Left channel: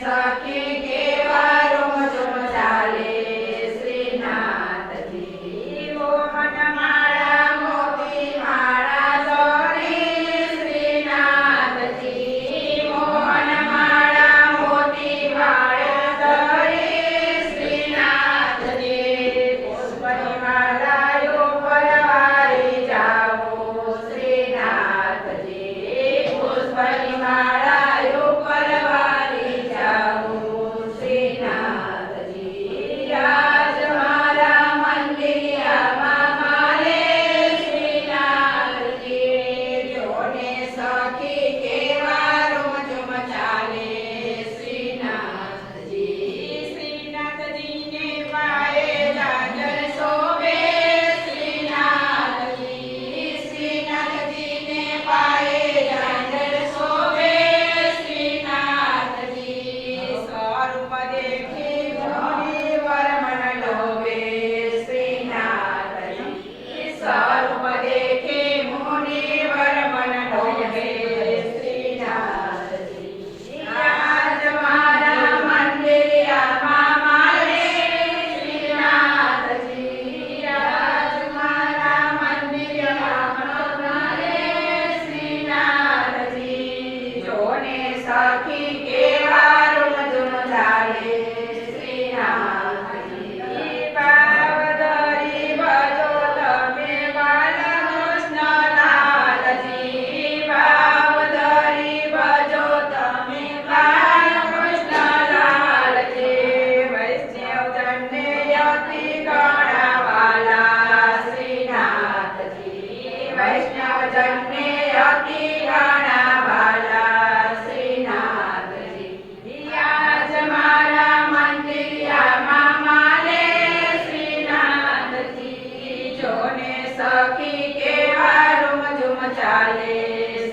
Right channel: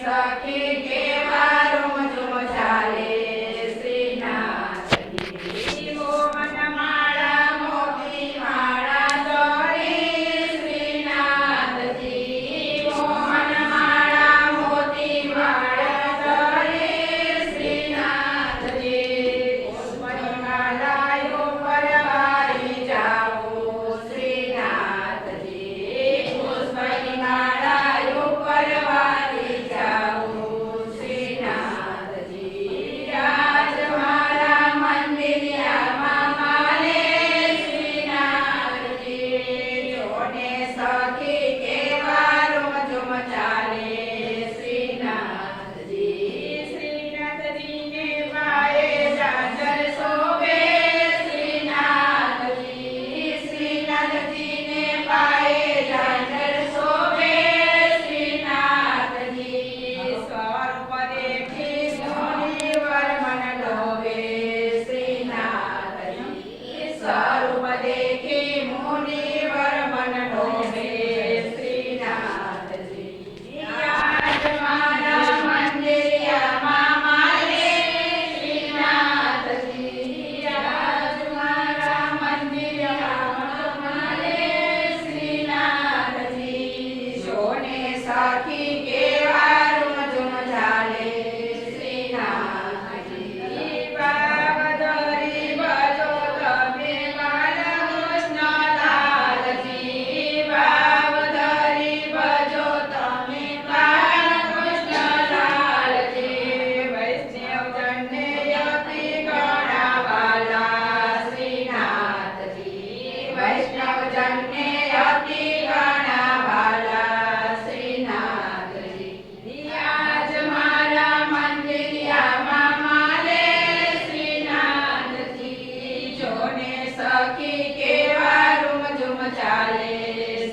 સખી કેવા રોમ ચાલે શ્રીનાથજી મોહનમાળા મોતી માળા દોરી શ્રીનાથજી મોહનમાળા મોતી માળા દોરી શ્રીનાથજી પુષ્પની માળાઓ પરવારી જાઓ શ્રીનાથજી પુષ્પની માળાઓ પરવારી જાઓ શ્રીનાથજી રાજ મારા મંદિરિયામાં માલે શ્રીનાથજી જોને સખી કેવા રોજ ચાલે શ્રીનાથજી શ્રીનાથજીને પાયે જાજર શોભે શ્રીનાથજી શ્રીનાથજીને પાયે જાજર શોભે શ્રીનાથજી સ્વરૂપ દેખી મુનિવર મન લોભે શ્રીનાથજી સ્વરૂપ દેખી મુનિવર મન લોભે શ્રીનાથજી આજ મારા મંદિરિયામાં માલે શ્રીનાથજી આજ મારા મંદિરિયામાં માલે શ્રીનાથજી જોને સખી કેવા રૂમ ચાલે શ્રીનાથજી બાવદરી ભજો તમે બાલકૃષ્ણલાલજી બાવદરી ભજો તમે બાલકૃષ્ણલાલજી વૈષ્ણવજનને અતિ ગણાવાલા શ્રીનાથજી વૈષ્ણવજનને અતિ ગણાવાલા શ્રીનાથજી આજ મારા મંદિરિયામાં માલે શ્રીનાથજી જોને સખી કેવા રૂમ ચાલે